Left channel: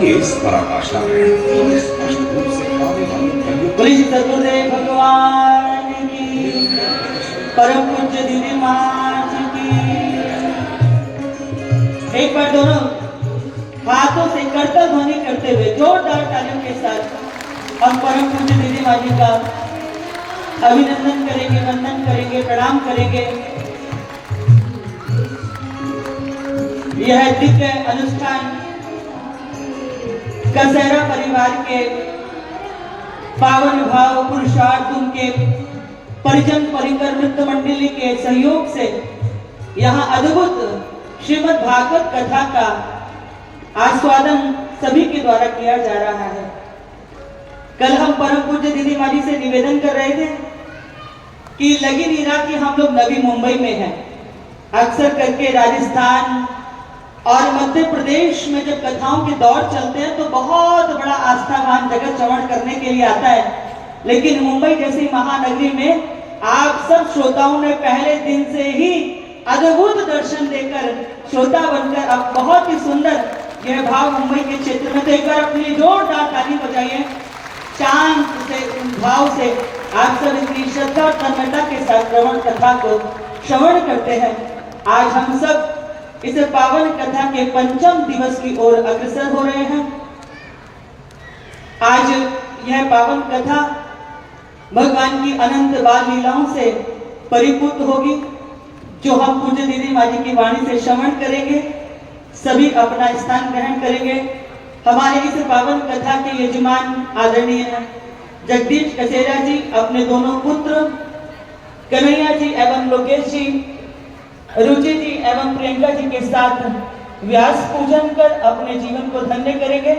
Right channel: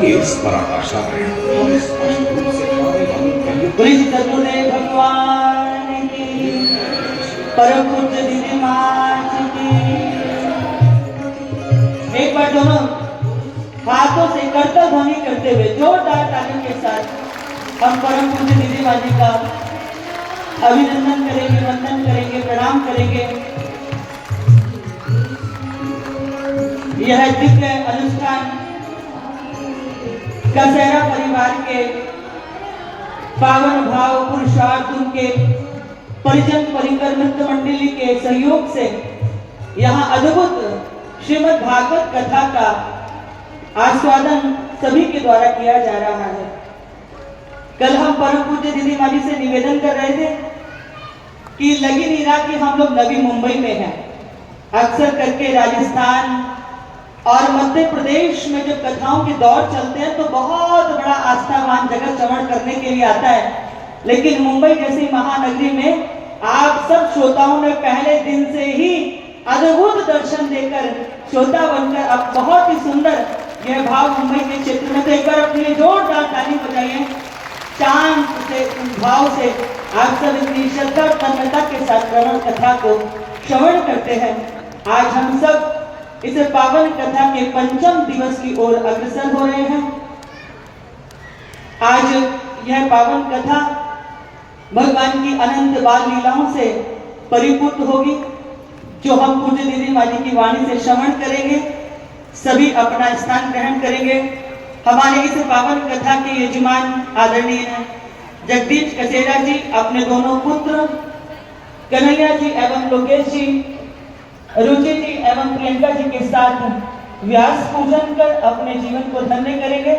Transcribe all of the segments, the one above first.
हीच पराकाष्ठा आहे और स्पष्ट रूप से हमारे मन में बोले सद्गुरुदेव भगवान की, परम पूज्य दीदी महाराज की। एक बार दोनों हाथों से करता ध्वनि करते हुए जोरदार तालियों के साथ हम परम पूज्य दीदी माँ जी का अभिनंदन करेंगे, वंदन करेंगे, प्रणाम करेंगे। यह दिव्य अनुष्ठान कसैरा परिवार के पावन भाव पुरुषार्थ उनके परिजन परिकर नृत्य मंडली के सहयोग से यहाँ अद्भुत श्रीमद् भागवत कथा का आस्वादन सभी के द्वारा किया जा रहा है। कल हम परम पूज्य दीदी माँ जी से निवेदन कर रहे थे कि लगी नहीं रहा कि हम लोग नवी मुंबई में हैं। अक्सर करके राजस्थान और मध्य प्रदेश में जब कथाओं के दौर चलते हैं तो बहुत बड़ा आस्थावान जगत श्रवण करने के लिए आता है, लेकिन मुंबई जैसी महानगरी में आप सब श्रोताओं ने पहले दिन से ही अद्भुत दर्शन देकर श्रोता बनकर अब बहुत ही सुंदर यह भाव मुंबई के क्षेत्र में, तो एक बार अपने लिए जोरदार ताली बजाइए। शांत से भाव से आप सब इतनी श्रद्धा और तन्मयता के साथ श्रवण कथा को श्रवण करते हैं। आज हम सब इस पावन कथा के पंचम दिवस की ओर अग्रसर हो रहे हैं। आज यह पावन कथा भगवान की अनंत बाल लीलाओं से परिपूर्ण होगी, जो हम पूज्य दीदी माँ जी की वाणी से श्रवण करेंगे। सभी अपना स्थान ग्रहण करेंगे। हमारे इस पावन कथा के यजमान आदरणीय जगदीश कसेरा जी अपने दोनों पुत्र कन्हैया जी एवं लोकेश जी, रुचि जी एवं प्रियंका जी के साथ व्यास पूजन कर अपने जीवन को धन्य करेंगे।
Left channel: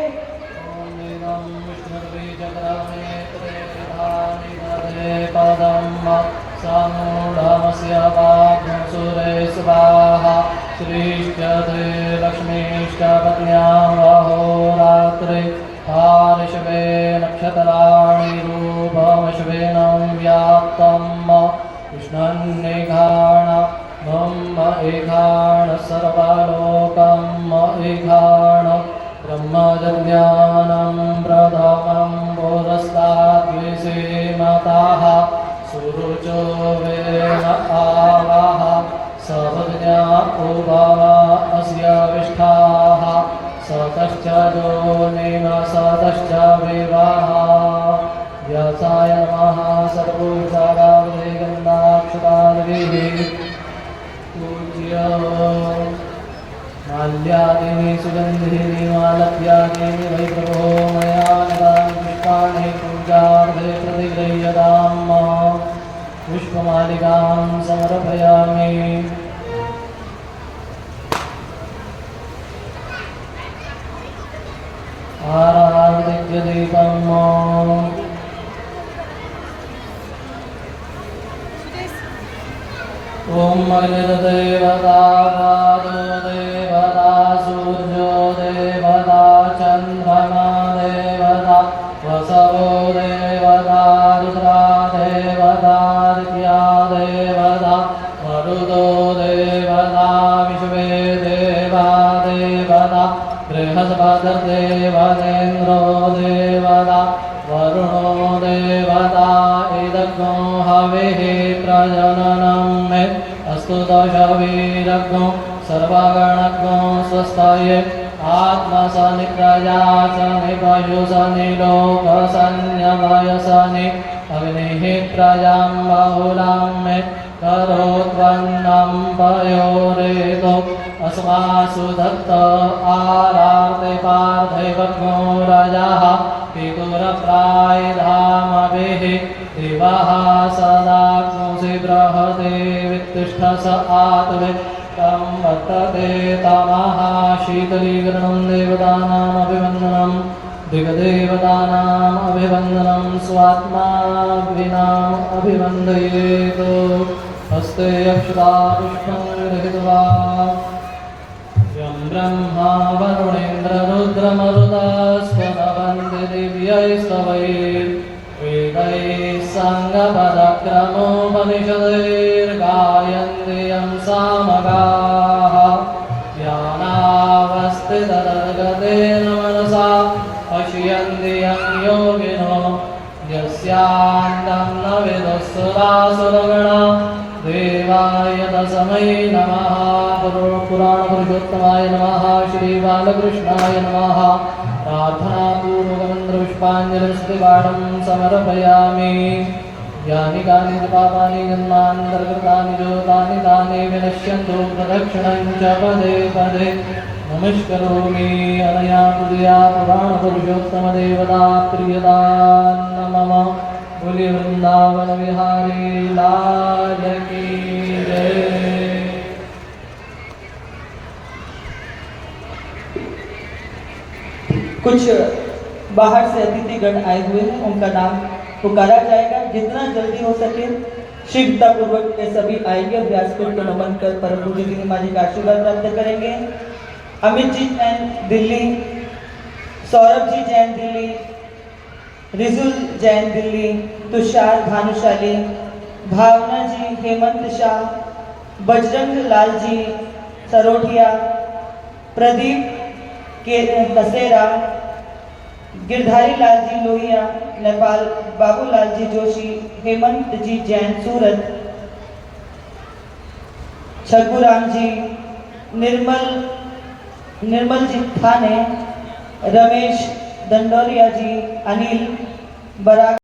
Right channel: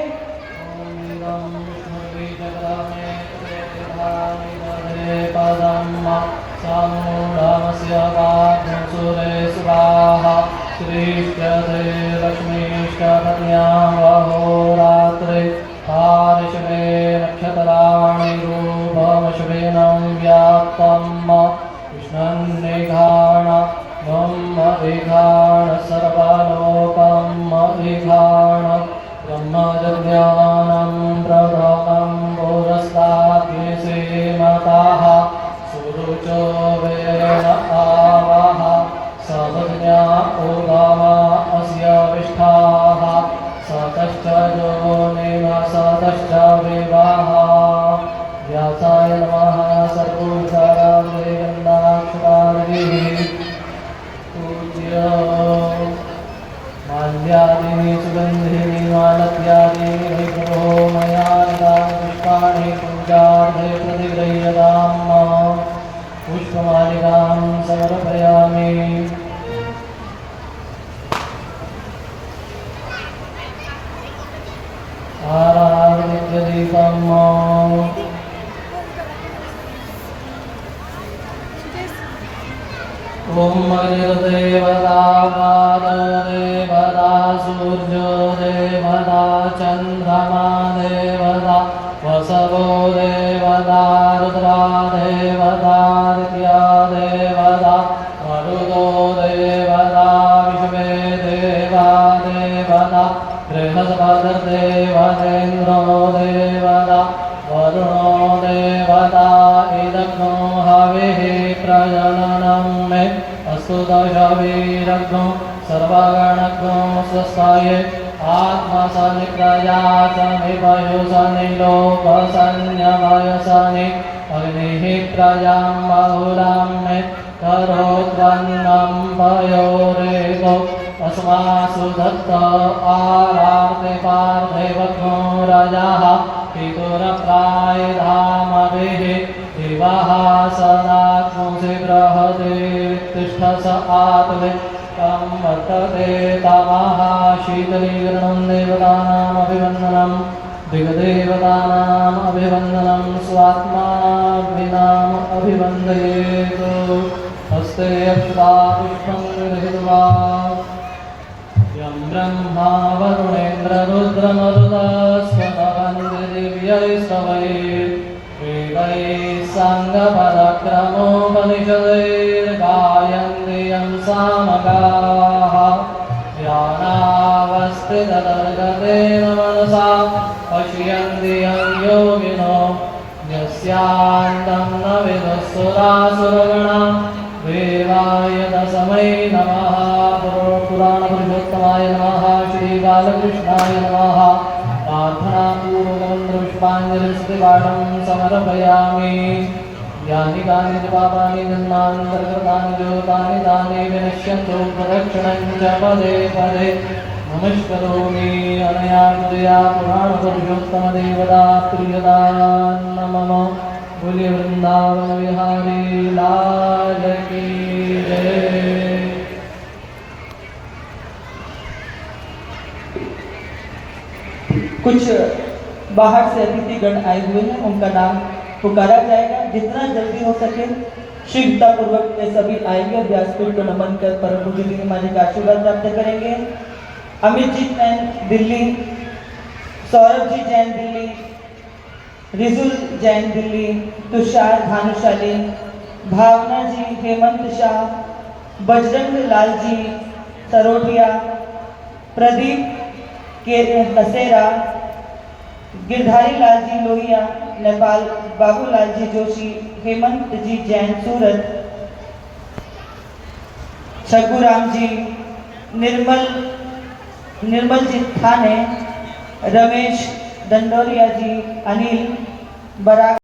ओम देवता देवता सूर्यो देवता चंद्रमा देवता वसवो देवता रुद्रा देवता ऋत्या देवता मरुदो देवता विश्वे देवा देवता बृहस्पतिर्देवतेन्द्रो देवता वरुणो देवता इदग्नो हविः प्रजननं मे अस्तु दशवीरग्नो सर्वगणग्नो स्वस्ताये आत्मसनिप्रजा सनि पशुसनि लोकसन्यमयसनि अग्निः प्रजां बहुलां मे करोत्पन्नं पयोरेको अस्मासु दत्त आरार्ते पार्थिवग्नो रजाः पितुरप्रायधामभिः दिवः सदात्मुषि बृहते वित्तिष्ठस आत्वे तं भक्तते तमः शीतलीकरणं देवतानामभिवन्दनं दिग्देवतानाम् अभिवन्दनं स्वात्माभिनाम् अभिवन्दयेत्। हस्ते अक्षता पुष्पं गृहीत्वा यं ब्रह्मा वरुणेन्द्ररुद्रमरुतस्वतवन्ति दिव्यैस्तवैः वेदैः साङ्गपदक्रमोपनिषदैर्गायन्ति यं सामगाः ध्यानावस्थिततर्कतेन मनसा सुरासुरगण देवाय तस्मै नमः। पुराण पुरुषोत्तमाय नमः। श्री बालकृष्णाय नमः। प्रार्थनापूर्वकमन्त्रपुष्पाञ्जलिस्तुपाठं समर्पयामि। यानि कानि च पापानि जन्मान्तर्गतानि च तानि तानि विनश्यन्तु प्रदक्षिणं च पदे पदे नमस्करोमि। अनया हृदया पुराणपुरुषोत्तमदेवता प्रियता नमः। बोले वृंदावन विहारी लाल की जय। कुछ बाहर से अतिथिगण आए हुए हैं, उनका नाम पुकारा जाएगा। जितना जल्दी हो सके शीघ्रता पूर्वक वे सभी आएंगे और व्यासपीठ को नमन कर परम पूज्य जी महाराज का आशीर्वाद प्राप्त करेंगे। अमित जी जैन दिल्ली, सौरभ जी जैन दिल्ली, रिजुल जैन दिल्ली, तुषार भानुशाली, भावना जी, हेमंत शाह, बजरंग लाल जी सरोठिया, प्रदीप के कसेरा, गिरधारी लाल जी लोहिया नेपाल, बाबूलाल जी जोशी, हेमंत जी जैन सूरत, छगुराम जी, निर्मल जी थाने, रमेश दंडोरिया जी, अनिल बराक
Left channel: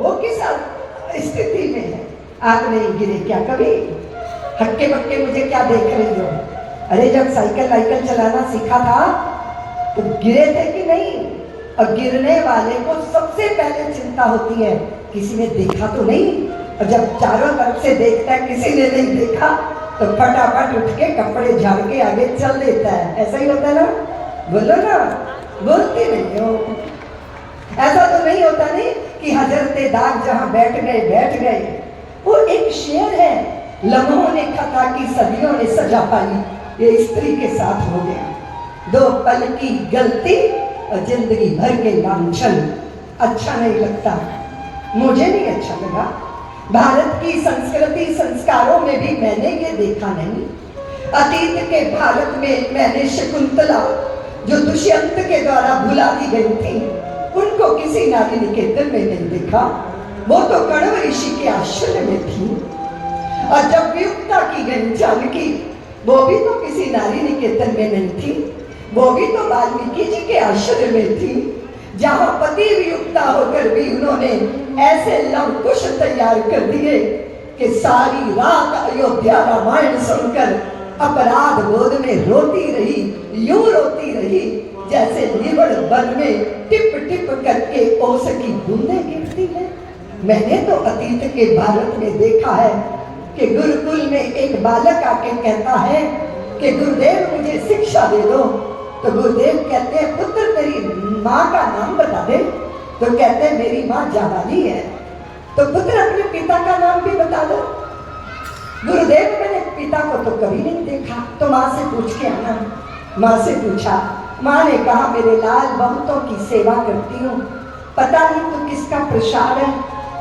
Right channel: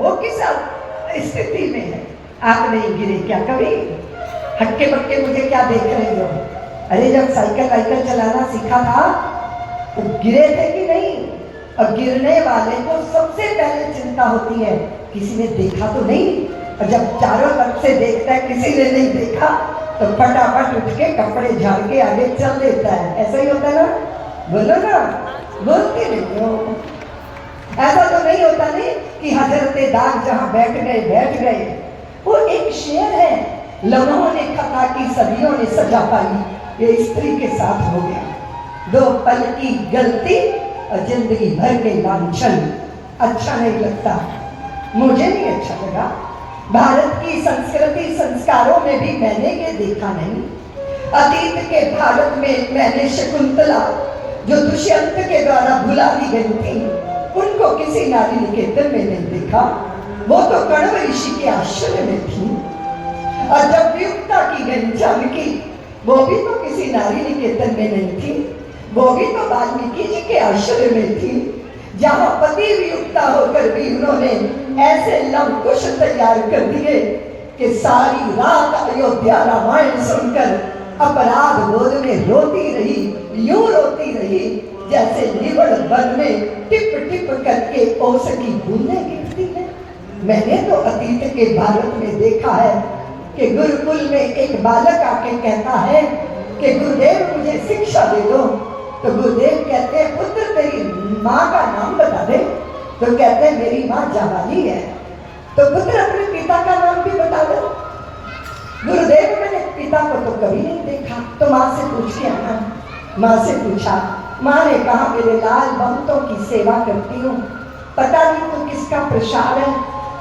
वो किस स्थिति में है? आप नहीं गिरे क्या कभी? हक्के बक्के मुझे क्या देख रही हो? अरे जब साइकिल चलाना सीखा था तो गिरे थे कि नहीं? और गिरने वाले को सबसे पहले चिंता होती है किसी ने देखा तो नहीं। और जब चारों तरफ से देखता है किसी ने नहीं देखा तो फटाफट उठ के कपड़े झाड़ के आगे चल देता है। ऐसा ही होता है ना? बोलो ना, बोलते नहीं हो। ऐसा तो नहीं होता नहीं कि हजरते दाग जहाँ बैठ गए। वो एक शेर है, लम्हों ने खता की सदियों ने सजा पाई, ये स्त्री के साथ हो गया। 2 पल की गलती और जिंदगी भर के लांछन। अच्छा नहीं लगता, मुझे नहीं अच्छा लगा। भारत की संस्कृति संस्कारों में भी मैंने ये देखा नहीं। अतीत के भारत में मैंने शकुंतला जो दुष्यंत के द्वारा भुला दी गई थी, उनको किसी नारी निकेतन में नहीं देखा। वो तो कण्व ऋषि के आश्रय में थी। और जब वियुक्ता की गई जानकी, वो भी तो किसी नारी निकेतन में नहीं थी, वो भी तो वाल्मीकि जी के आश्रय में थी, जहां पति वियुक्ता होकर भी उन्होंने ऐसे लवकुश तैयार कर दिए कि सारी रात अयोध्या रामायण सुनकर अपराध बोध में रोती रही, यूं रोती रही जैसे निवड़ वन में टिप टिप करके ओस की बूंदें गिरती है। मैंने तो अतीत के भारत में देखा है कि गुरुकुल में एक बालक आके कहता है कि गुरुदेव मुझे शिक्षा दे दो, तो गुरुदेव कहते हैं पुत्र तेरी माँ का नाम बता दे, तो कहते हैं मेरी माँ जाबाली है। तो पुत्र अपने पिता का नाम भी बता दो। गुरुदेव मैंने पिता को तो कभी नहीं देखा, तो माँ से पूछ के आना। माँ से पूछा, माँ ने कहा मेरे लाल बहुतों की सेवा करती हूँ, पता नहीं तो किसका प्रसाद है।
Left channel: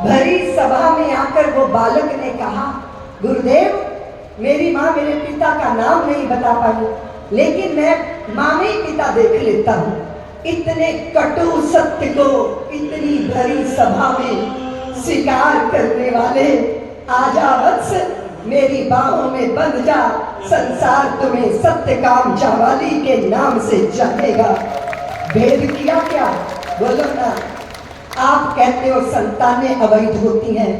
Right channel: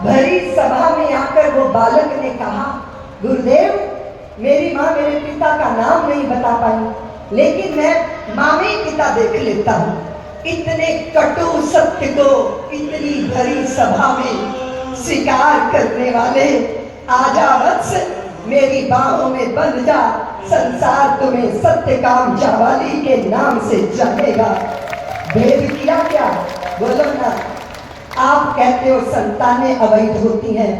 भरी सभा में आकर वो बालक ने कहा गुरुदेव मेरी माँ मेरे पिता का नाम नहीं बता पाई, लेकिन मैं माँ में ही पिता देख लेता हूँ। इतने कटु सत्य को इतनी भरी सभा में स्वीकार करने वाले, आजा वत्स मेरी बाहों में बंध जा, संसार तुम्हें सत्य काम जावाली के नाम से जानेगा। भेद किया क्या? बोलो ना। आप कहते हो संतानें अवैध होती हैं,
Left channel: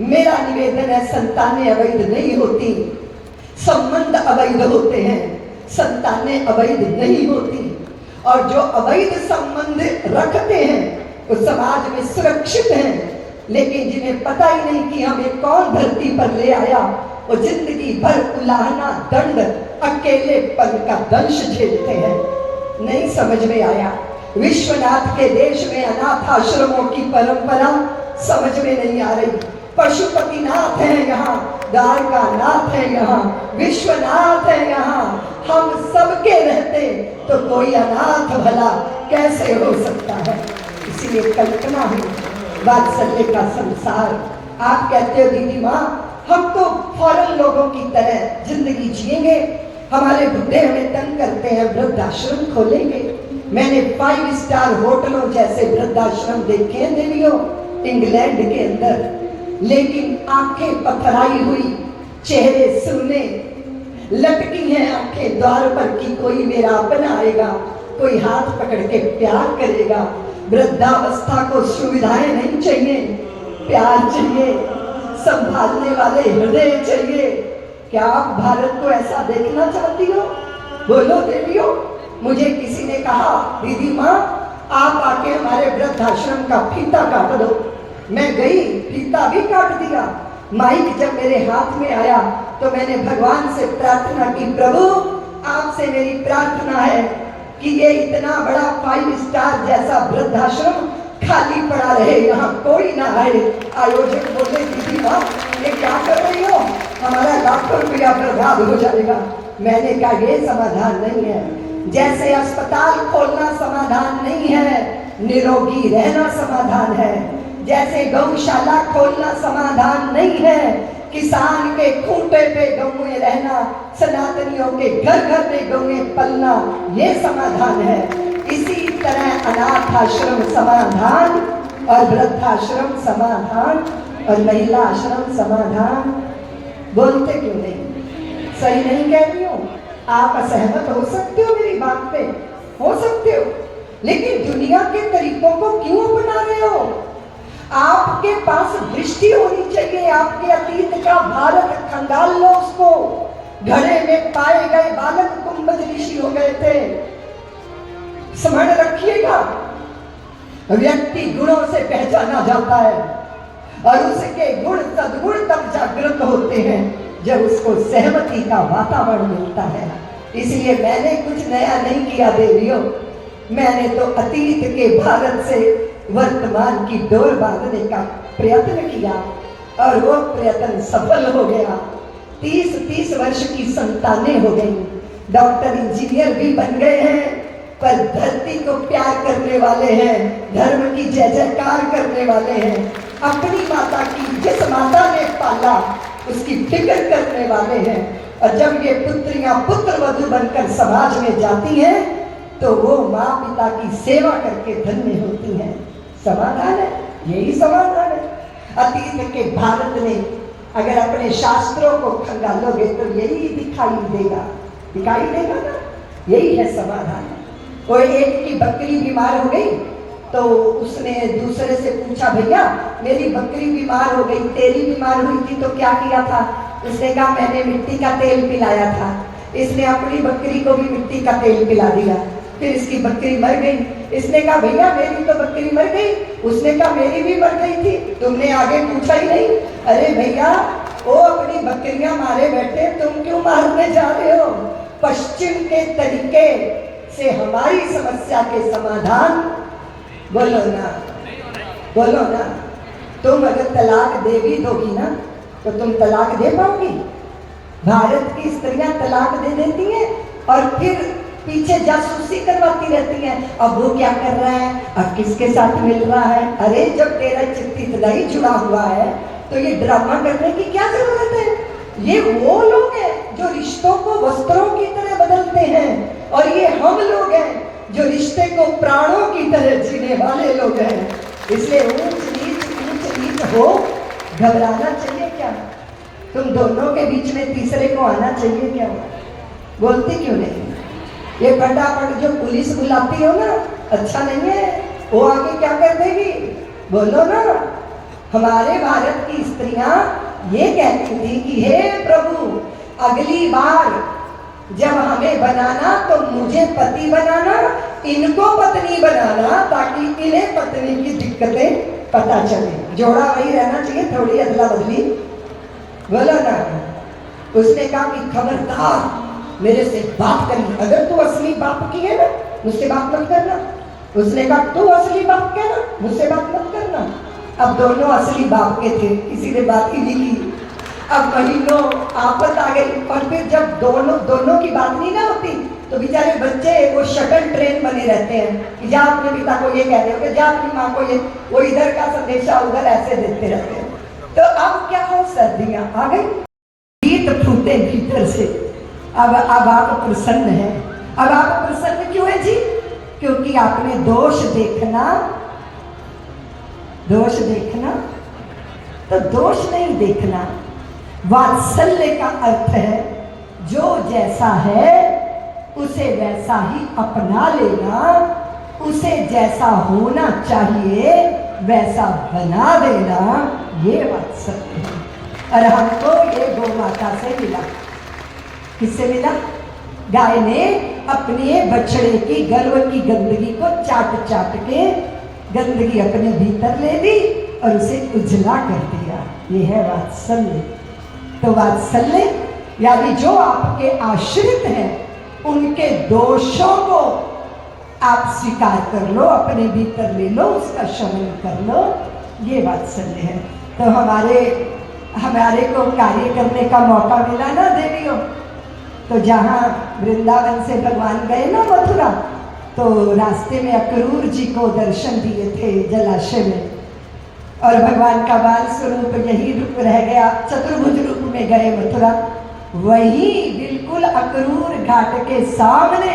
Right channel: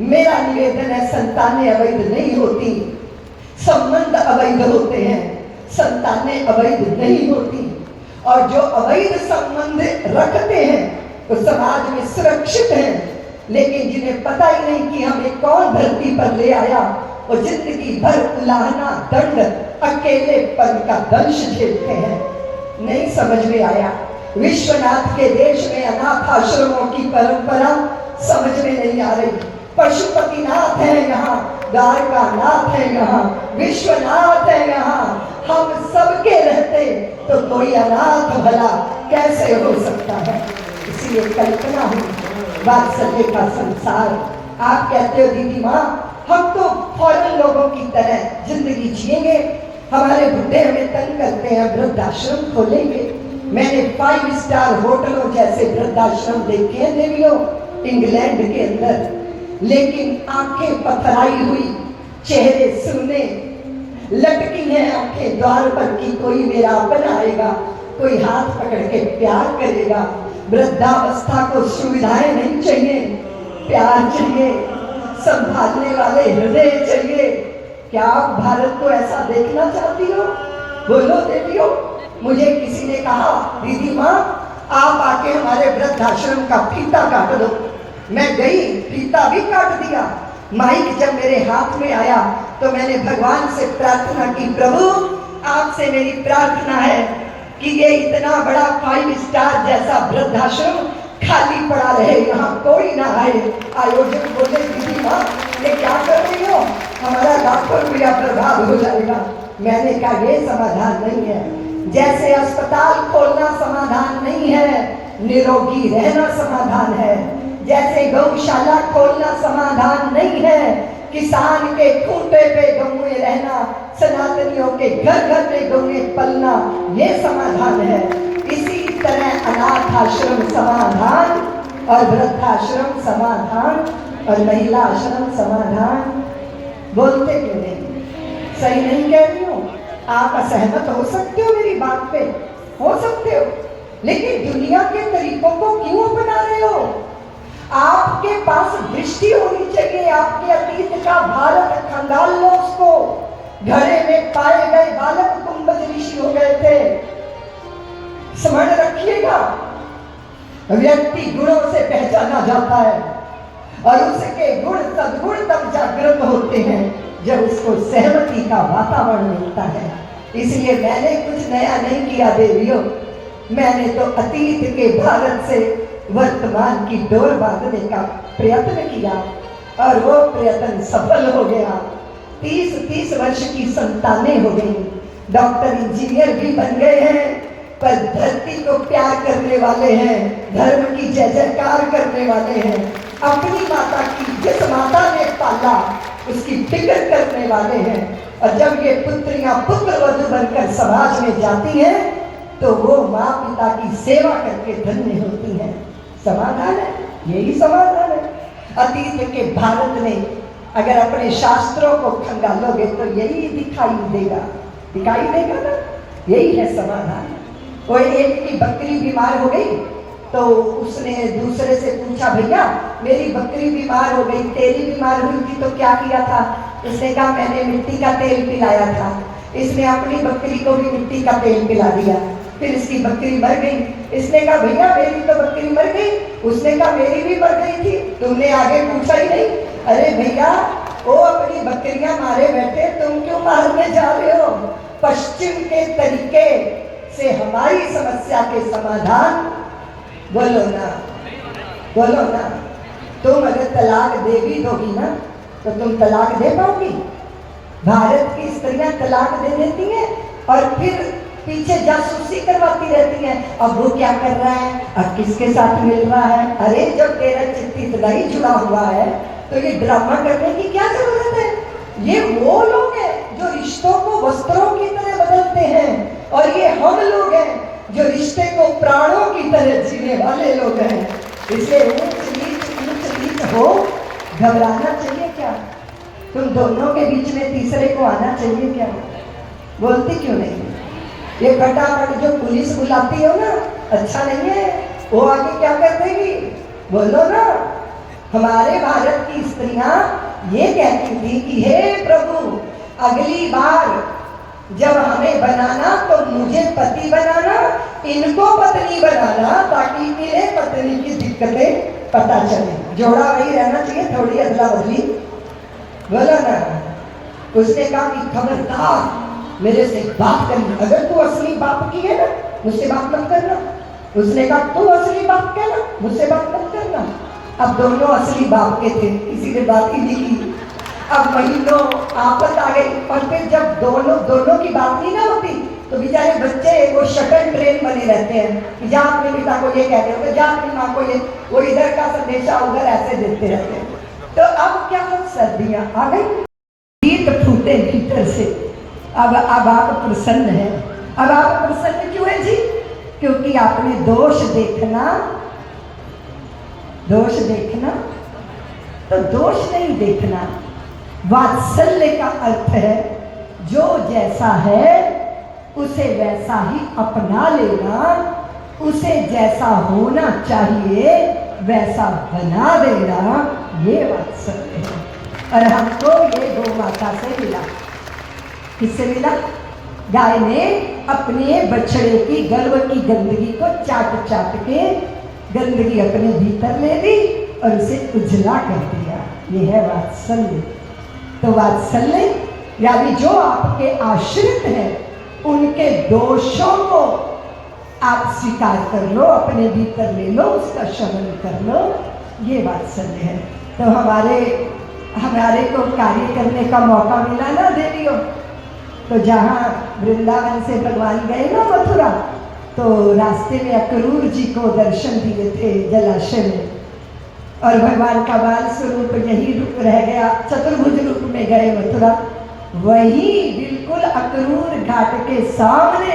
मेरा निवेदन है संतानें अवैध नहीं होती, संबंध अवैध होते हैं, संतानें अवैध नहीं होती। और जो अवैध संबंध रखते हैं वो समाज में सुरक्षित हैं, लेकिन जिन्हें पता ही नहीं कि हमें कौन धरती पर ले आया, वो जिंदगी भर उलाहना दंड अकेलेपन का दंश झेलते हैं। नहीं समझ में आया। विश्वनाथ के देश में अनाथ आश्रमों की परंपरा समझ में नहीं आ रही। पशुपतिनाथ है यहाँ, गाय का नाथ है यहाँ, विश्वनाथ है यहाँ, हम सबके रहते तो कोई अनाथ भला कैसे हो सकता है। इसलिए कल्पना हुई वात्सल्य का संसार। आप कहते हो दीदी माँ हम तो फॉरेन लोगों की तरह जिंदगी जिएंगे, हमारे बुढ़े हमें तंग करते हैं, वृद्धाश्रम खोलेंगे। मैंने 5 स्टार होटलों जैसे वृद्धाश्रम देखे हैं देवियों इंग्लैंड के अंदर, लेकिन आंखें पथराई हुई, चेहरे सुने, लटकी हैं आंखें द्वार पर कि कोई मेरा अपना आएगा, कोई हाथ पकड़ के प्यार करेगा। वृद्धावस्था को सुविधाएं नहीं चाहिए, प्यार चाहिए, संभालने वाले हृदय चाहिए। क्या आप भारत को ऐसा देखना चाहती हो? बोलो बेटियों। मुझे किसी ने कहा दीदी माँ आप आके हमारे वृद्धाश्रम का फीता काट दो। मैं गई, फीता भी काट दिया। माइक जब मेरे हाथ में आया तो मैंने भगवान से प्रार्थना की, प्रभु आपसे मेरी प्रार्थना है कि ये इतना बड़ा 5 स्टार जैसा वृद्धाश्रम खाली पड़ा रहे, यहाँ कोई ना आए। आयोजक बोले दीदी माँ ये क्या कर रही हो, हमारा लाखों रुपया बर्बाद हो जाएगा। मैंने कहा ये समाधान नहीं है। जैसे अस्पताल खोलना समाधान नहीं है, निरोगी रहना समाधान है। जैसे गौशाला खोलना समाधान नहीं है, किसान के खूंटे पे गौएं रहना, सनातनियों के घर घर में गौएं पलना, ये समाधान है। इसी तरह अनाथ आश्रम समाधान और वृद्धाश्रम समाधान और महिला आश्रम समाधान। बोलते क्यों नहीं? सही नहीं कह रही हूँ? आप असहमत हो सकते हो मेरी बात पे, हो सकते हो, लेकिन दुनिया के तरीकों को क्यों अपना रहे हो? आपके पास दृष्टि होनी चाहिए। आपके अतीत का भारत खंगाल लो उसको। घड़े में पाए गए बालक कुंभज ऋषि हो गए थे, स्मरण रखिएगा। व्यक्ति गुणों से पहचाना जाता है और उसके गुण सद्गुण तब जागृत होते हैं जब उसको सहमति का वातावरण मिलता है। इसलिए मैंने कुछ नया नहीं किया देवियों, मैंने तो अतीत के भारत से वर्तमान की डोर बांधने का प्रयत्न किया और वो प्रयत्न सफल हो गया। 30 वर्ष की संतानें हो गई, डॉक्टर इंजीनियर भी बन गए हैं, पर धरती को प्यार करने वाले हैं, धर्म की जय जयकार करने वाले हैं, अपनी माता की जिस माता ने पाला उसकी फिक्र करने वाले हैं। और जब ये पुत्रियां पुत्र वधु बनकर समाज में जाती हैं तो वो माँ पिता की सेवा करके धन्य होती हैं। समाधान है, यही समाधान है। अतीत के भारत में अगर अपने शास्त्रों को खंगालोगे तो यही दिखाई देगा ना, यही है समाधान। और एक की बकरी बीमार हो गई तो उसने दूसरे से पूछा, भैया मेरी बकरी बीमार हो गई, तेरी बीमार हुई थी तो क्या किया था? उसने कहा मैंने मिट्टी का तेल पिलाया था। इसने अपनी बकरी को भी मिट्टी का तेल पिला दिया, फिर इसकी बकरी मर गई। इसने कहा भैया मेरी तो बकरी मर गई। उसने कहा मेरी भी मर गई थी, तुमने आगे पूछा ही नहीं। अरे भैया वो अपनी बकरियां मारे बैठे, तुम क्यों मारने जा रहे हो? पश्चिम के तरीके से हमारी समस्या के समाधान बोलो ना, बोलो ना। तुम अगर तलाक दे भी दोगी ना तो तुम तलाक दे पाओगी? भारत की स्त्रियां तलाक दे देती हैं और फिर पीछे जासूसी करवाती रहती हैं। अब वो क्या कर रहा है, अब किसके साथ मिल रहा है? अरे जब तेरा चिट्ठी इतना ही जुड़ा हुआ है तो ये ड्रामा करने की क्या जरूरत है? ये वो लोग हैं जो रिश्तों को वस्त्रों की तरह बदलते हैं और ये हम लोग हैं जो रिश्ते को प्राणों की तरह जीने वाले लोग हैं। इसलिए ऊंच नीच हो, घबराना चाहिए क्या? तुम दोनों के बीच में तीसरे को आना चाहिए क्या? बोलती क्यों नहीं? ये फटाफट जो पुलिस बुलाती हो ना, अच्छा नहीं है। वो आगे क्या कर देगी? बोलो ना। हमारे भारत की स्त्रियां ये कहती थी कि हे प्रभु अगली बार जब हमें बनाना तो मुझे पति बनाना, इनको पत्नी बनाना, ताकि इन्हें पत्नी की दिक्कतें पता चले। जोड़ा वही रहना चाहिए, थोड़ी अदला बदली। बोलो ना। उसने कहा कि खबरदार मेरे से बात करना, अगर तू असली बाप की है ना मुझसे बात मत करना। उसने कहा तू असली बाप के ना मुझसे बात मत करना। अब दोनों असली बाप के थे, किसी ने बात ही नहीं की। अब महीनों आपस आ गई और फिर जब दोनों की बात नहीं ना होती तो बेचारे बच्चे वो शटल ट्रेन बने रहते हैं कि जा अपने पिता को ये कह दे, जा अपनी माँ को ये, वो इधर का संदेशा उधर ऐसे देते रहते हैं। तो अब क्या हो, सर्दियां आ गई, गीत फूटे भीतर से। अब आप प्रसन्न हैं। अब आप प्रसन्न क्यों है जी? क्योंकि आपने दोष देखना तो दोष नहीं देखना। वात्सल्य का अर्थ है जो जैसा है उसे वैसा ही अपना लेना, उसे जैसा होना चाहिए वैसा बना देना, ये वात्सल्य है। और हमको ये गौ माता से मिला। किससे मिला? गाय ने अपने बछड़े की गर्भ की गंदगी को चाट के गंदगी अपने भीतर ले ली और उसे उजला कर दिया। ये है वात्सल्य। तो वात्सल्य यानी जो आपके आश्रित हैं उनके दोषों को आप स्वीकार कर लो, अपने भीतर ले लो, उसका शमन कर लो, ये वात्सल्य है। तो हमारे को कार्य करने का मौका मिला ना देवियों। तो जहाँ वृंदावन से भगवान गए ना मथुरा, तो रास्ते में अक्रूर जी को दर्शन दिए थे जलाशय में, और भगवान का बाल स्वरूप यही रूप रह गया, चतुर्भुज रूप में गए मथुरा। वही बिल्कुल अक्रूर घाट के सामने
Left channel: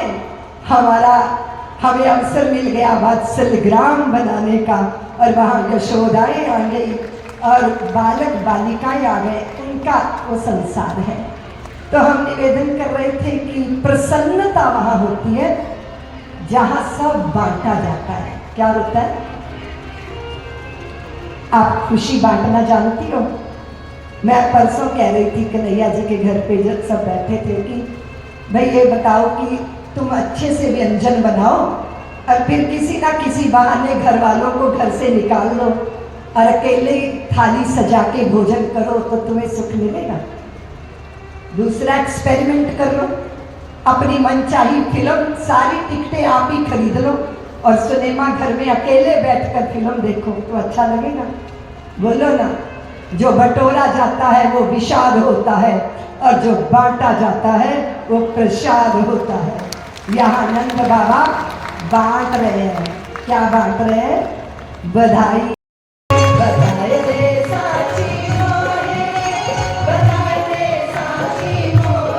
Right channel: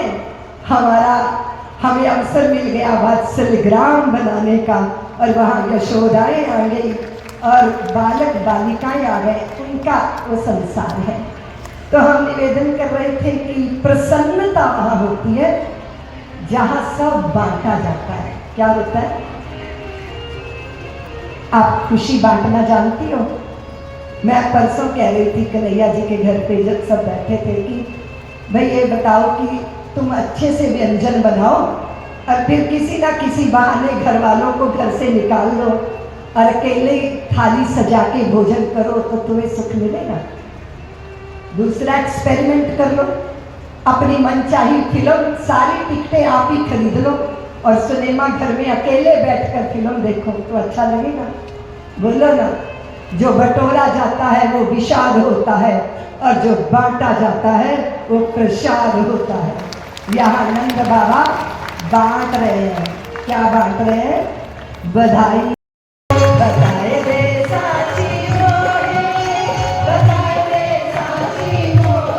हमें अवसर मिल गया वात्सल्य ग्राम बनाने का। और वहाँ यशोदाएं आ गई और बालक बालिकाएं आ गए, उनका वो संसार है। तो हम निवेदन कर रहे थे कि प्रसन्नता वहाँ होती है जहाँ सब बांटा जाता है। क्या होता है? आप खुशी बांटना जानती हो? मैं परसों कह रही थी कन्हैया जी के घर पे जब सब बैठे थे कि भाई ये बताओ कि तुम अच्छे से व्यंजन बनाओ और फिर किसी ना किसी बहाने घर वालों को घर से निकाल लो और अकेले थाली सजा के भोजन करो तो तुम्हें सुख मिलेगा। दूसरा एक्सपेरिमेंट कर लो, अपनी मनचाही फिल्म सारी टिकटें आप ही खरीद लो और सिनेमा घर में अकेले बैठकर फिल्म देखो तो अच्छा लगेगा? बोलो ना। जो बटोरा जाता है वो विषाद होता है और जो बांटा जाता है वो प्रसाद होता है। यहाँ नंद बाबा बांट रहे हैं। क्या बांट रहे हैं? बधाई। बधाई दे साची मोरे, बधाई दे साची मोरे।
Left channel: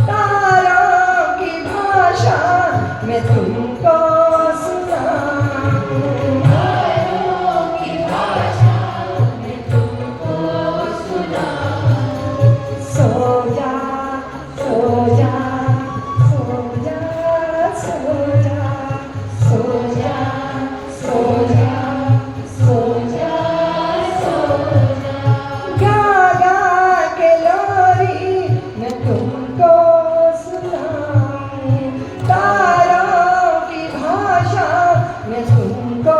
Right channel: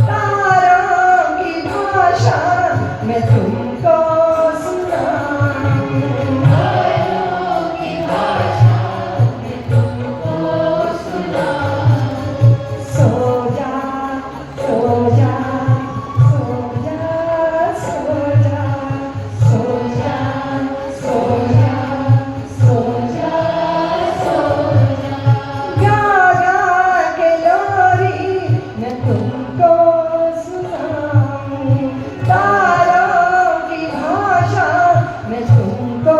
तारों की भाषा मैं तुमको सुनाऊं। सो जा सो जा सो जा सो जा सो जा सो जा सो जा सो जा। गा गा के लोरी मैं तुमको सुनाऊं। तारों की भाषा मैं तुमको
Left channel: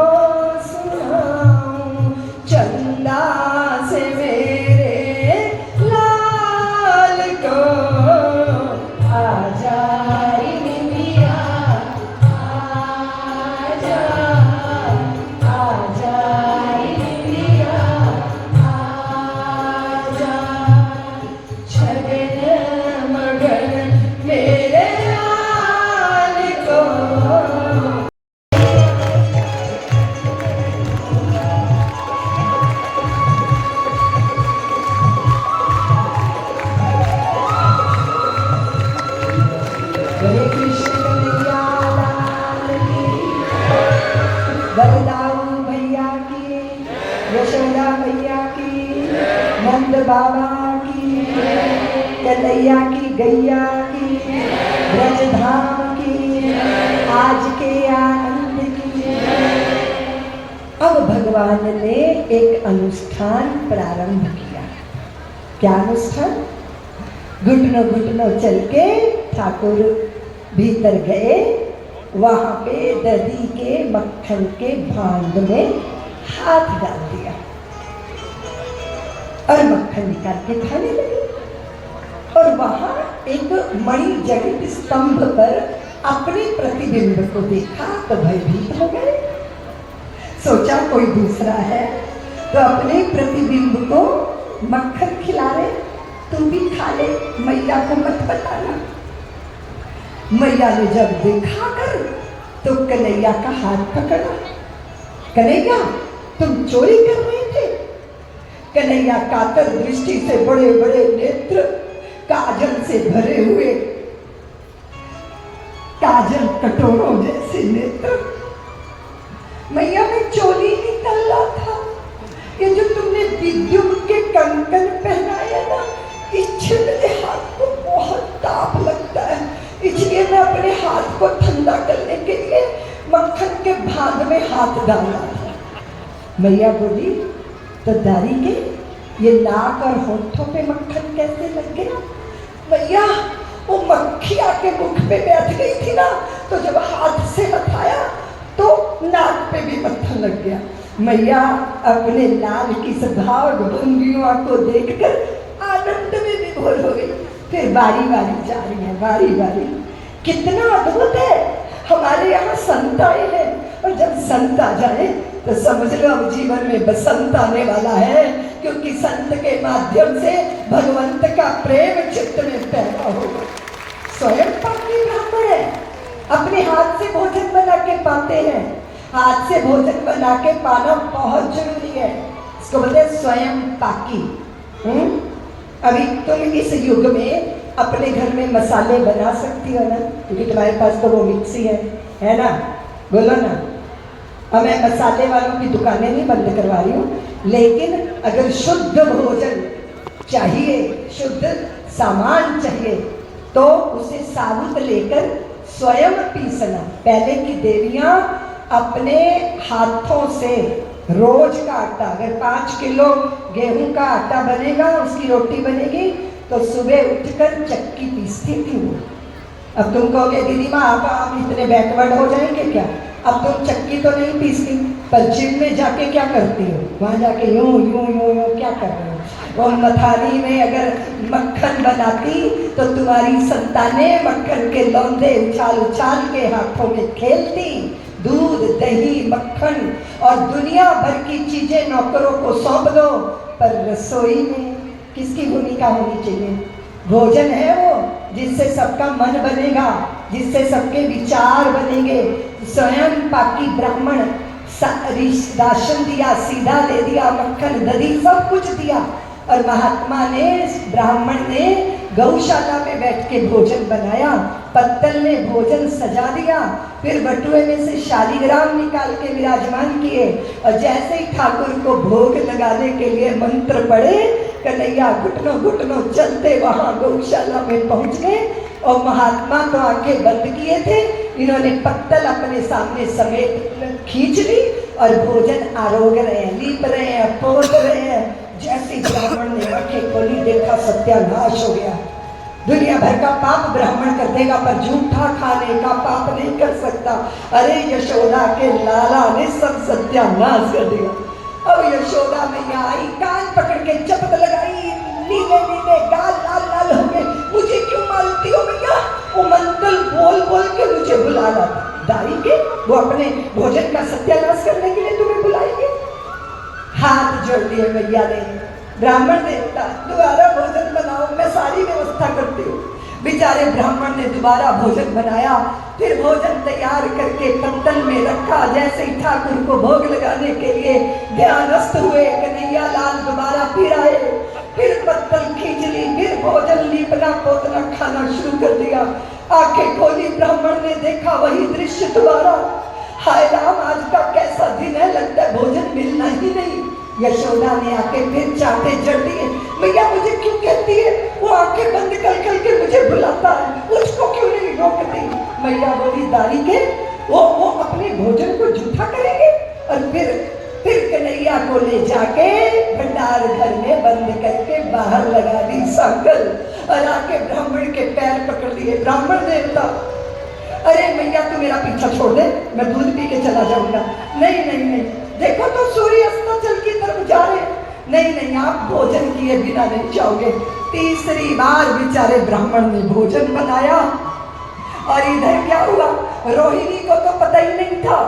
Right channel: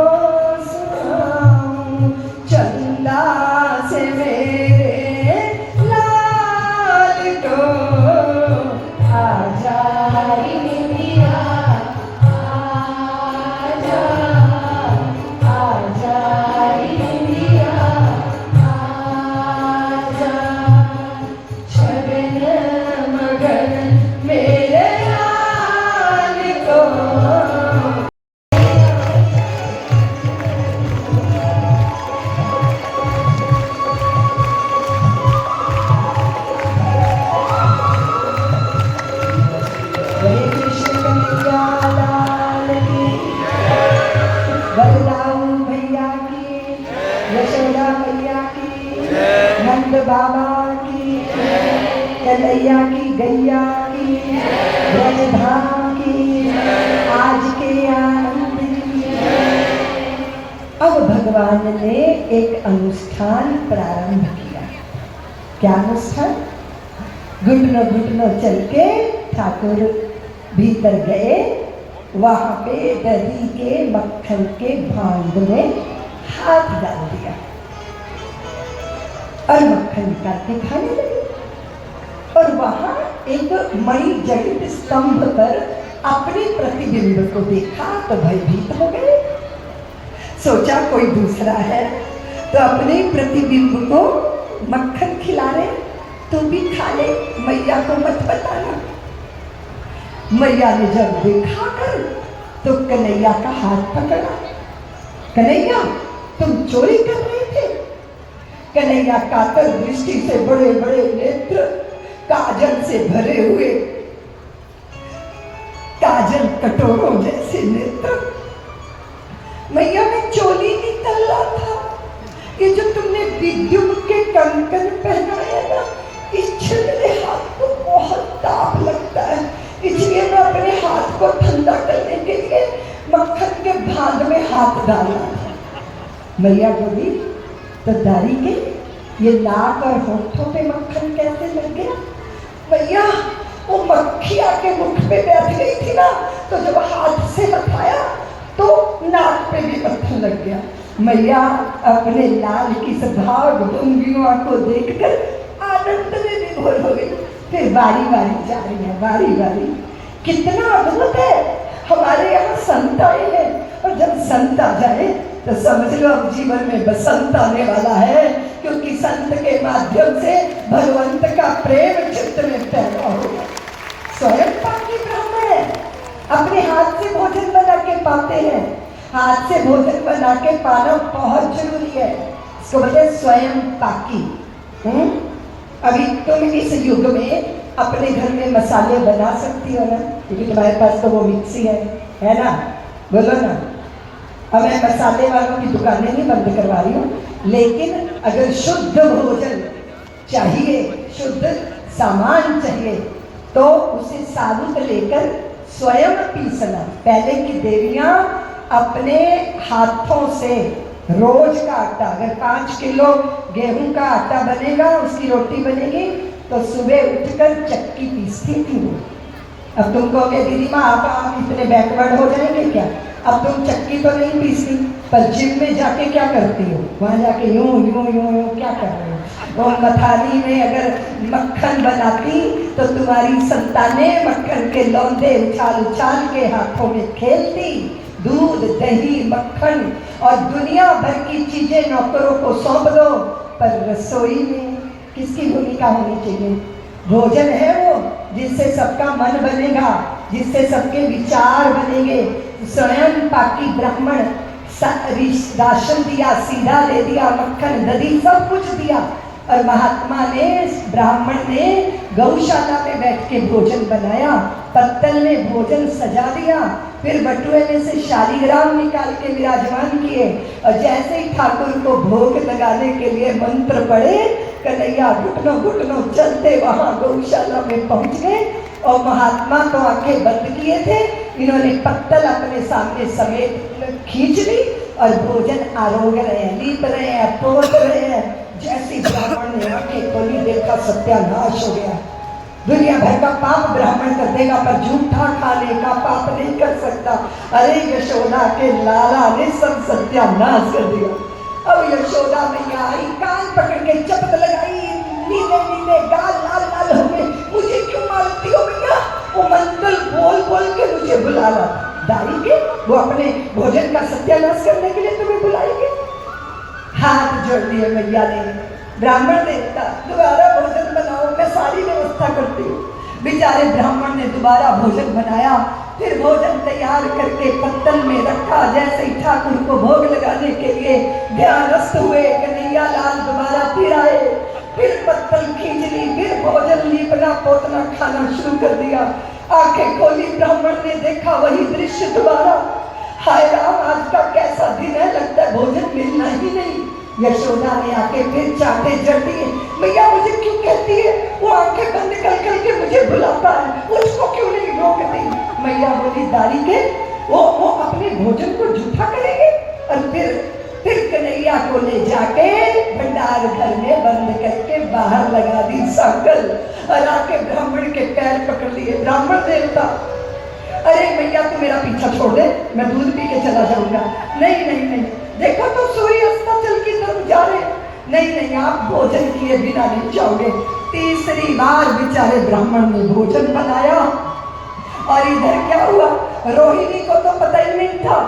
सुनाऊं। चंदा से मेरे लाल को आजा इंडिया आजा आजा इंडिया आजा। छगन मगन मेरे लाल को। हरे कृष्ण कन्हैया लाल की, बलराम भैया की, यशोदा भैया की, नंद बाबा की, कन्हैया की गैया की, ब्रजधाम की, आज के आनंद की। अब भगवान ने एक अनुष्ठान प्रारंभ किया। क्या अनुष्ठान? घुटनों घुटनों चल के ठाकुर भीतर गए। वहां पे दही के मक्खन के भांड में हाथ डाल दिया और मक्खन निकाल के खाने लगे। और वहां एक मणि जड़ित स्तंभ पर अपने प्रतिबिंब को देखा तो भयभीत हो गए। सोचा कोई दूसरा है तो अपने प्रतिबिंब को मक्खन खिला रहे, तू भी खा ले, मैया को मत बताना। मैया ने जब देखा कर तो कन्हैया का हाथ पकड़ा। कन्हैया तुम चोरी कर रहे थे। कन्हैया कातर दृष्टि से बड़े बड़े नेत्र, काजल से भरे हुए, काजल कटोरों जैसे नेत्र। मैया में चोली निकल रहा था। ये जो तुमने विद्युत के कंकन पहनाए ना, इससे मेरे हाथ को बहुत ताप लगता है, इसलिए मैं अपने हाथ को ठंडा करने के लिए मक्खन के भांड में हाथ डाला। मैया बोली तो दारी के ये नाक और होठों पे मक्खन कैसे लग गया? मैया वो मक्खी आके मुख पे बैठ गई थी ना, तो जब हाथ से हटाया तो नाक पे भी मक्खन लग गया। मैया अपने लाल की सभाग भंगियों को देखकर आनंद में विभोर हो गई। फिर बारी बारी जा रही है, बारी बारी। कितना अद्भुत है, हमारे यहाँ संत आए हैं, और जब संत आ जाए तो समझ लो अब जीवन में बसंत आने वाला है, क्योंकि संत के माध्यम से भगवंत का प्रेम चित्त में पैदा होगा। स्वयं पाकी ब्राह्मण है, अपने हाथ से भोजन बना के पाते हैं। हाथ से भोजन बना के पाना बहुत जरूरी है, इसको बोलते हैं स्वयं पाकी। अभी तुम इस युग में अपने घर में मसाले बना सकती हो ना, क्योंकि तुम्हारे पास तो वो मिक्सी है ना? बोलो ना। अब मैं मसाले वालों की दुकानें नहीं बंद करवा रही हूँ, लेकिन अगर शुद्ध भोजन चाहिए, शुद्ध सामान चाहिए, तो उसे साबुत लेकर स्वयं पीसना। पहले की देवियां अपने हाथों से रोज का आटा, अगर 5 किलो गेहूं का आटा बनेगा, उसकी रोटी बनेगी, तो सुबह उठकर चक्की पीसती थी। अब तुम कहोगे दीदी माँ आप इतने बैकवर्ड हो जाएंगे क्या? अब तुम चक्की तो नहीं पीसती, पर जिम में जाके क्या करती हो? वहां जाके यूं यूं यूं यूं क्या कर रहे हो? और मथानी में अगर मक्खन बनाती तो तुम्हारी संतानें मक्खन के लौंदे उछाल उछाल के हाथों में खेलती। दूध, दही, मक्खन और दुनिया भर की चीजें नौकरों को सौंप दो, पर रसोई में किसकी भूमिका होनी चाहिए? भोजन है वो जिससे सबका मन बनेगा, जिससे सबके विचार बनेंगे। स्वयं पाकी ब्राह्मण राशन दिया, सीधा दे दिया, मक्खन दही सब कुछ दिया, और महात्मा ने, ब्राह्मण ने गौशाला में बैठ के भोजन बनाया, पत्तल में भोजन सजा दिया, फिर बटुए में से शालीग्राम निकाल के विराजमान किए और जैसे ही ठाकुर को भोग लगाने के लिए मंत्र पढ़े, कन्हैया घुटनों घुटनों चलते वहां गौशाला में पहुंच गए और महात्मा तो आंखें बंद किए थे, इन्होंने पत्तल अपने सामने समेत खींच ली और भोजन आरोग रहे हैं, लीप रहे हैं, पोत रहे हैं। जैसे ब्राह्मण ने आंखें खोली, देखा सत्यानाश हो गया। दुनिया भर का पाप ब्राह्मण कर देगा पर झूठा खाने का पाप नहीं कर सकता। अरे यशोदा के लाला ने सब सत्यानाश कर दिया। अब यशोदा मैया आई, कान पकड़ के चपत लगाई, नीले नीले गाल लाल लाल हो गए। मुझे क्यों मारती हो मैया? वो मंत्र बोल बोल के मुझे बुलाना डालेंगे, वो अपने भोजन का सत्यानाश करने के लिए तुम्हें बुलाएंगे। हाथ जोड़ दिए मैया ने, ब्राह्मण देवता दोबारा भोजन बनाओ, मैं सारी व्यवस्था करती हूँ। बेचारे ब्राह्मण ने दोबारा भोजन बनाया, फिर भोजन तैयार करके पत्तल में रखा। जैसे ही ठाकुर को भोग लगाने के लिए ध्यानस्थ हुए, कन्हैया लाल दोबारा फिर आए, फिर पत्तल खींच ली, फिर भोजन लीपना पोतना खाना शुरू कर दिया। आंखें खोली, ब्राह्मण ने देखा वही दृश्य दोबारा। हाय राम, आज का कैसा दिन है, लगता है भोजन मिलना ही नहीं। यशोदा ने आके फिर चाटे जड़ दिए। मैया मुझे क्यों कहती है? वो आंखें बंद कर करके मुझे बुलाता है, उसको क्यों नहीं रोकती? मैया बोली दारी के वो अपने भोजन को झूठा करेंगे। और फिर कन्हैया को ले जाके भंडार घर में बंद करके बाहर लगा दी सांकल और आके ब्राह्मण के पैर पकड़ लिए। ब्राह्मण देवता, अरे मैया तू मेरा पीछा छोड़ दे, मैं दूध पी के चला जाऊंगा। नहीं नहीं नहीं, देखो तो सूर्य अस्ताचल की तरफ जा रहे। नहीं नहीं, आप भोजन किए बिना नहीं जाओगे। तीसरी बार बेचारे ब्राह्मण ने भोजन बनाया और इधर क्या हुआ, रोहिणी को तो पता ही नहीं था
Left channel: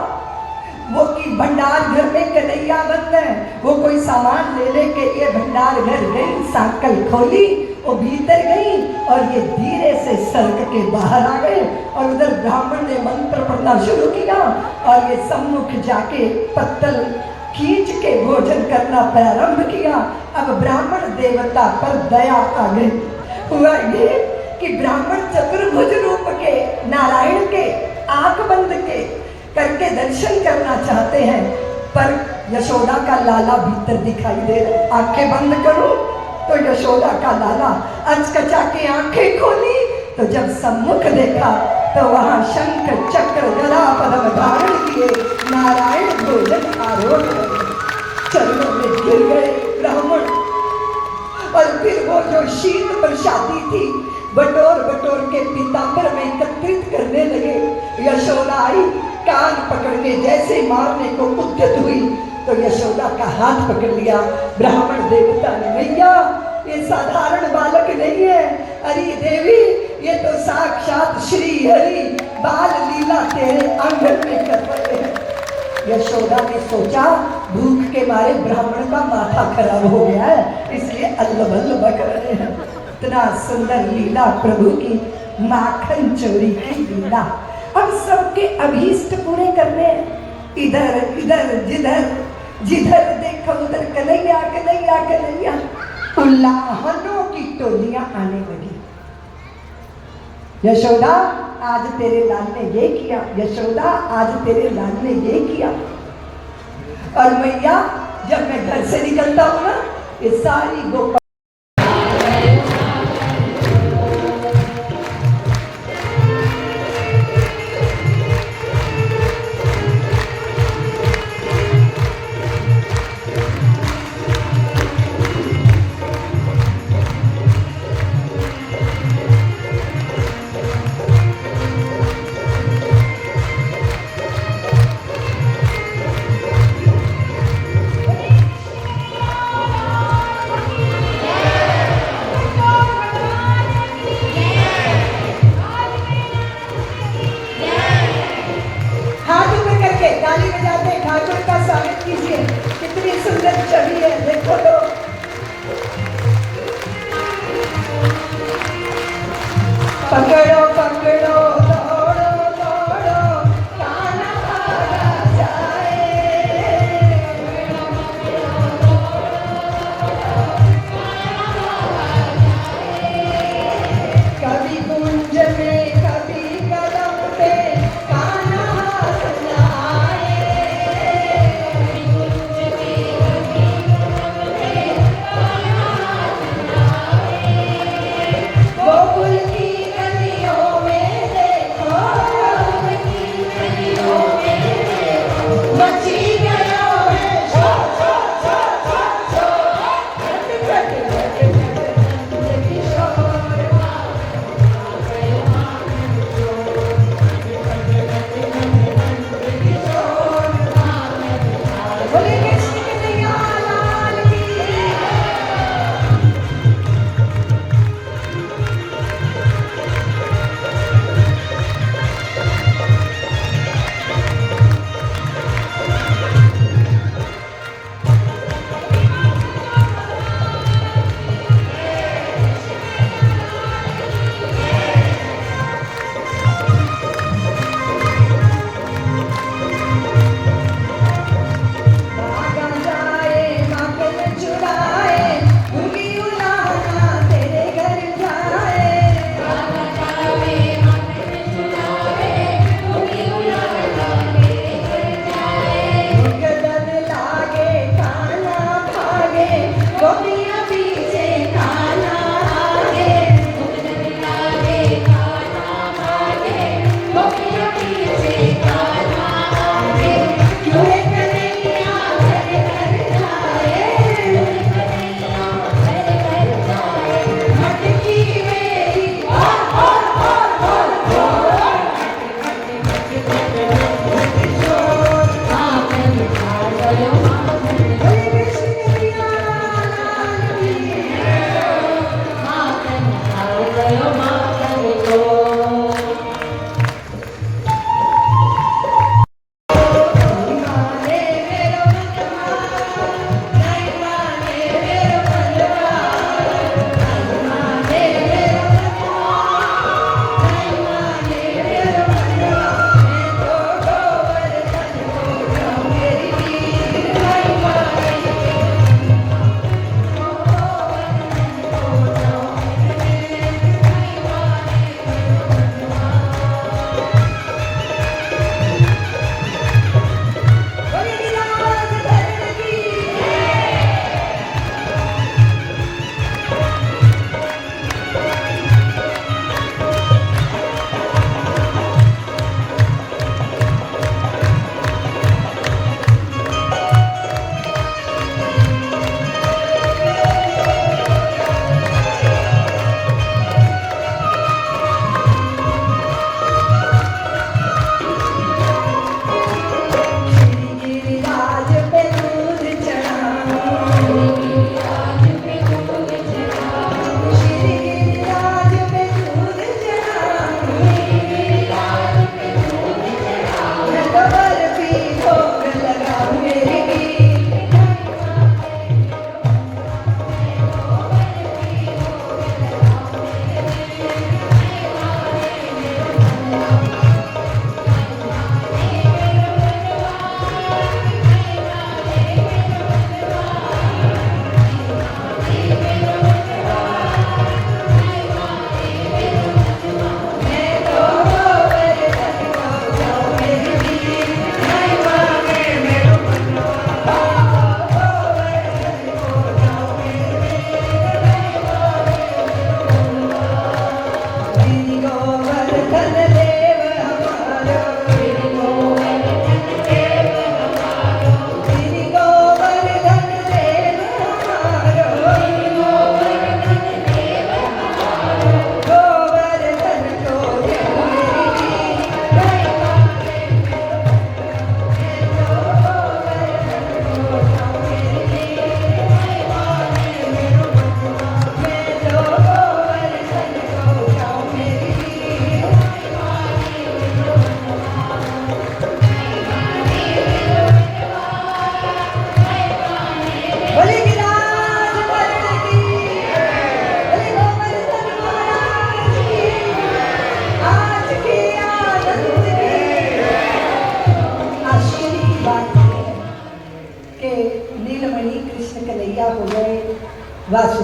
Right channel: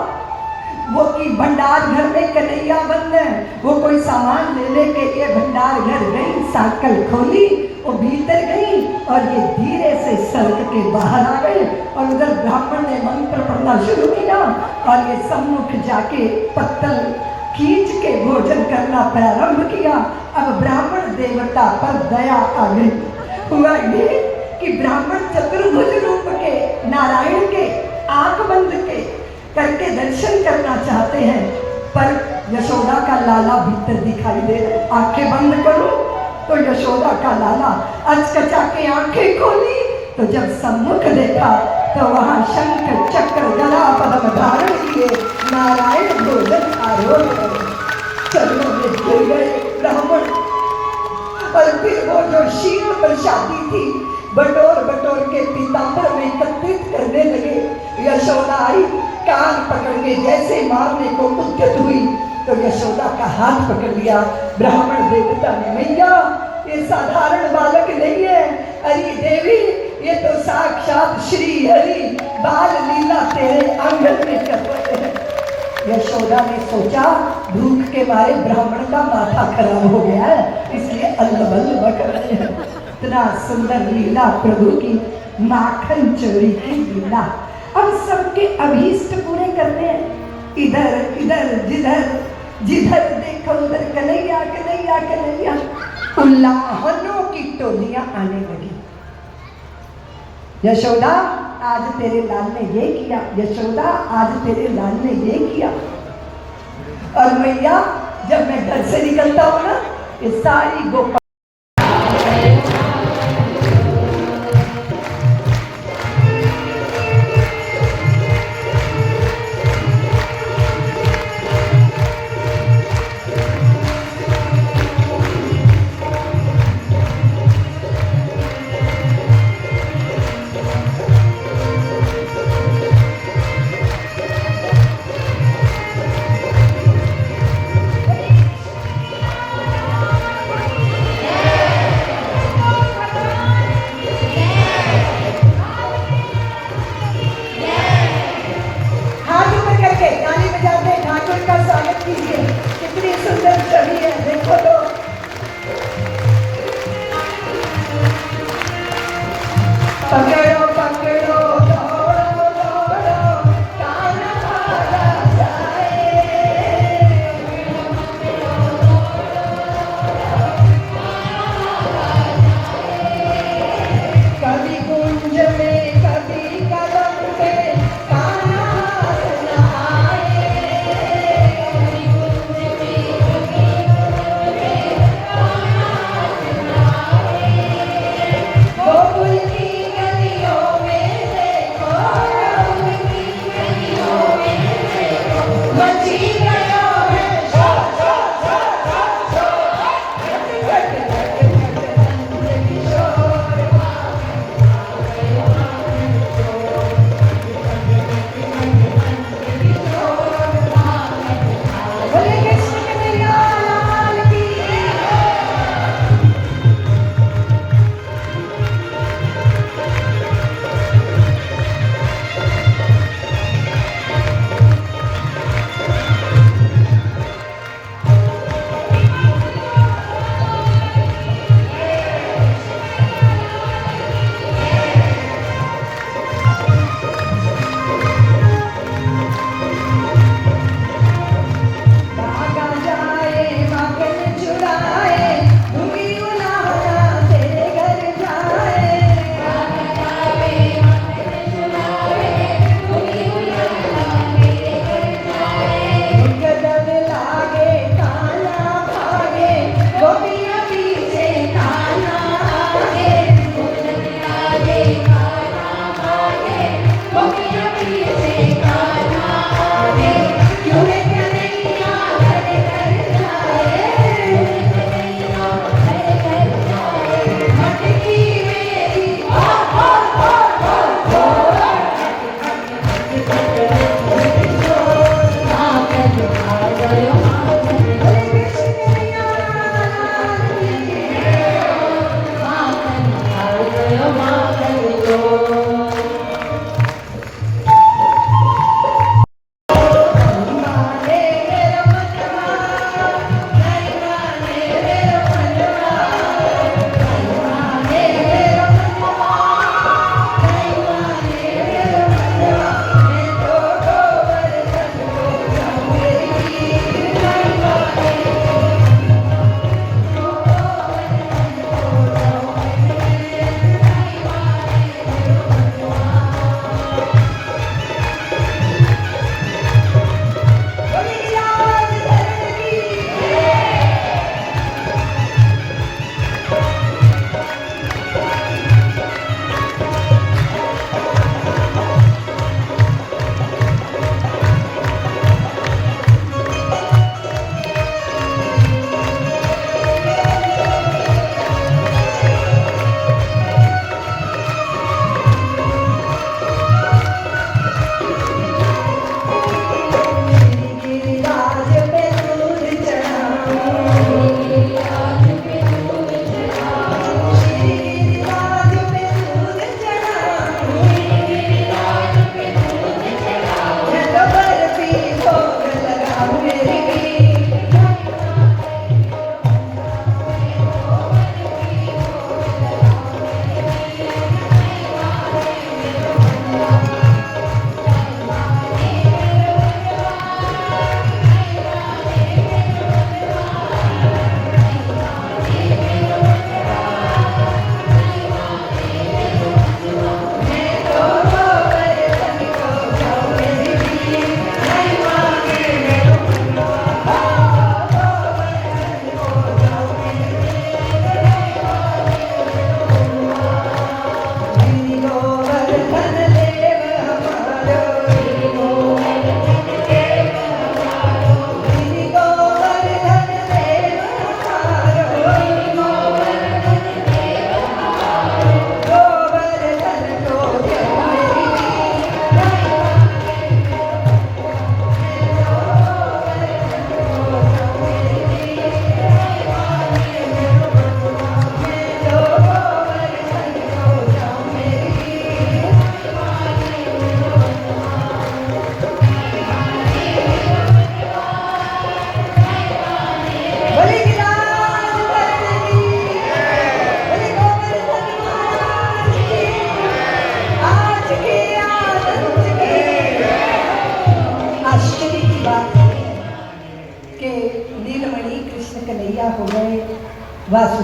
वो कि भंडार घर में कन्हैया बंद है। वो कोई सामान लेने के लिए भंडार घर गई, सांकल खोली, वो भीतर गई और ये धीरे से सड़क के बाहर आ गए। और उधर ब्राह्मण ने मंत्र पढ़ना शुरू किया और ये सम्मुख जाके पत्तल खींच के भोजन करना प्रारंभ किया। अब ब्राह्मण देवता पर दया आ गई। हुआ ये कि ब्राह्मण चतुर्भुज रूप के नारायण के आंख बंद के करके दर्शन करना चाहते हैं, पर यशोदा का लाला भीतर दिखाई दे रहा। आंखें बंद करो तो यशोदा का लाला अचकचा के आंखें खोली तो जब सम्मुख देखा तो वहां शंख चक्र गदा पद्म धारण किए नारायण भोजन आरोह चरणों में गिर गए ब्राह्मण। और फिर वो जो शीत प्रसादी थी बटोर बटोर के पीताम्बर में एकत्रित करने लगे। यशोदा आई, कान पकड़ के जैसे मारने को उद्यत हुई तो यशोदा का हाथ पकड़ लिया। ब्राह्मण देवता ने, मैया ये साधारण बालक नहीं है, अरे देवी ये तो साक्षात श्री हरि बाल लीला तेरे आंगन में कर रहे हैं। यशोदा ने सोचा भूख के मारे ब्राह्मण का माथा खराब हो गया है, इसलिए अल्लबल्ल बक रहे हैं। इतना सुंदर लीला प्रभु की, माखन चोरी की लीला। अब सबके अभीष्ट पूरे करने, इधर इधर जिधर जिधर देखो उधर कन्हैया कन्हैया कन्हैया। लाहनों की टोलियां आने लगी। यशोदा आज तेरे लाल ने ये किया, यशोदा आज तेरे लाल ने ये किया। और मैया जब मैं घर से निकलता हूँ ना, ये सारी गोपाल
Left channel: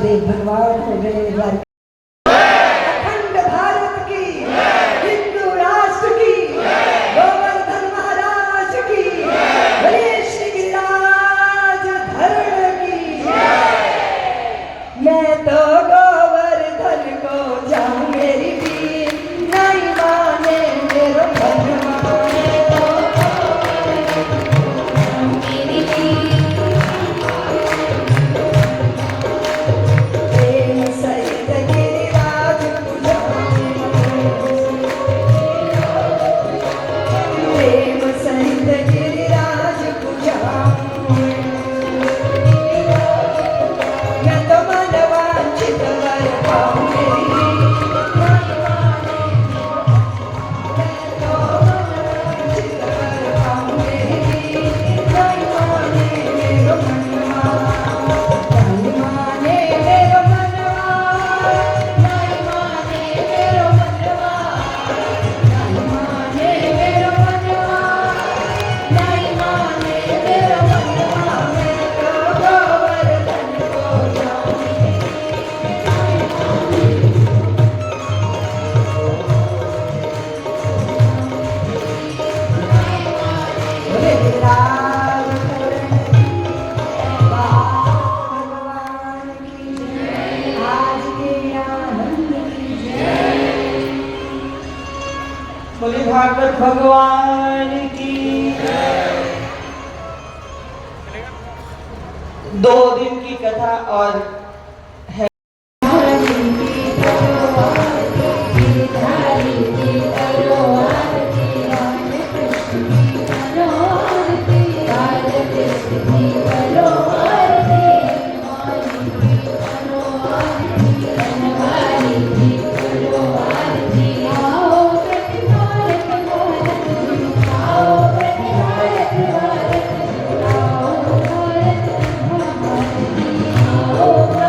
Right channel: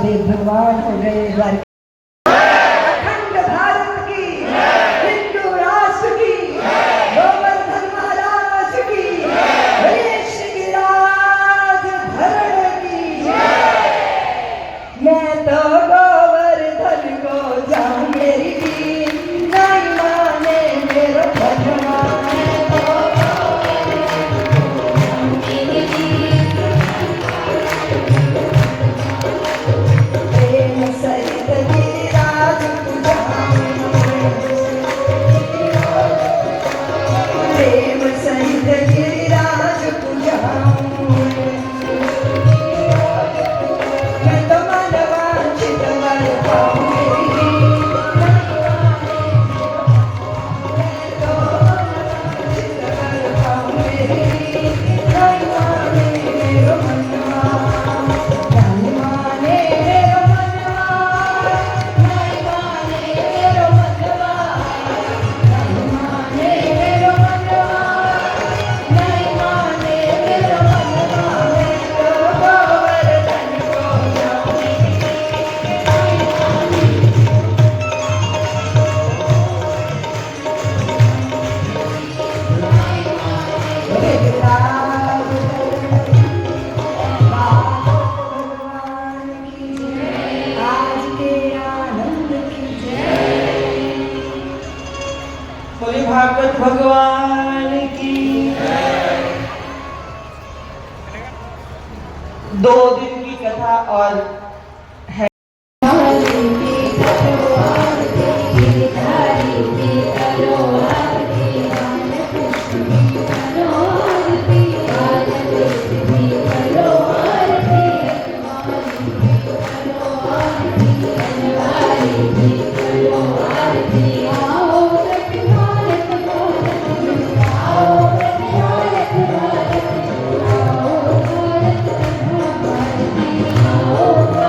वासुदेव भगवान हो गए द्वारिका। अखंड भारत की, हिंदू राष्ट्र की, गोवर्धन महाराज की, बोलिए श्री गिरिराज धरण की। मैं तो गोवर्धन को जाऊं मेरी बीन, नहीं माने मेरो धनवा। प्रेम सहित गिरिराज पुजाऊं, प्रेम सहित गिरिराज पुजाऊं। मैं तो मन वांछित वर पाऊं मेरी बीन, बोले भागवत भगवान की। 2 दिन की कथा और है। Oh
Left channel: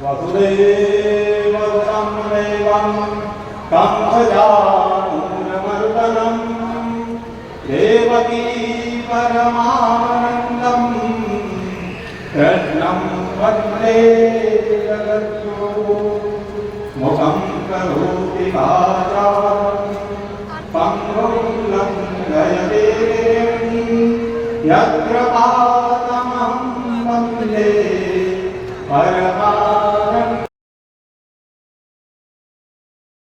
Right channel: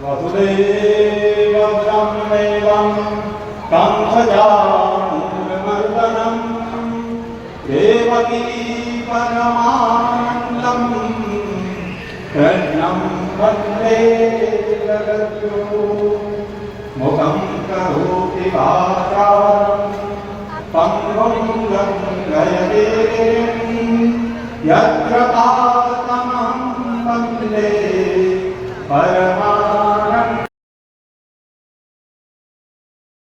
वसुदेवसुतं देवं कंसचाणूरमर्दनं देवकी परमानन्दं कृष्णं वन्दे जगद्गुरुं मुखं करोति वाचालं पङ्गुं लङ्घयते यत्र पादमहं वन्दे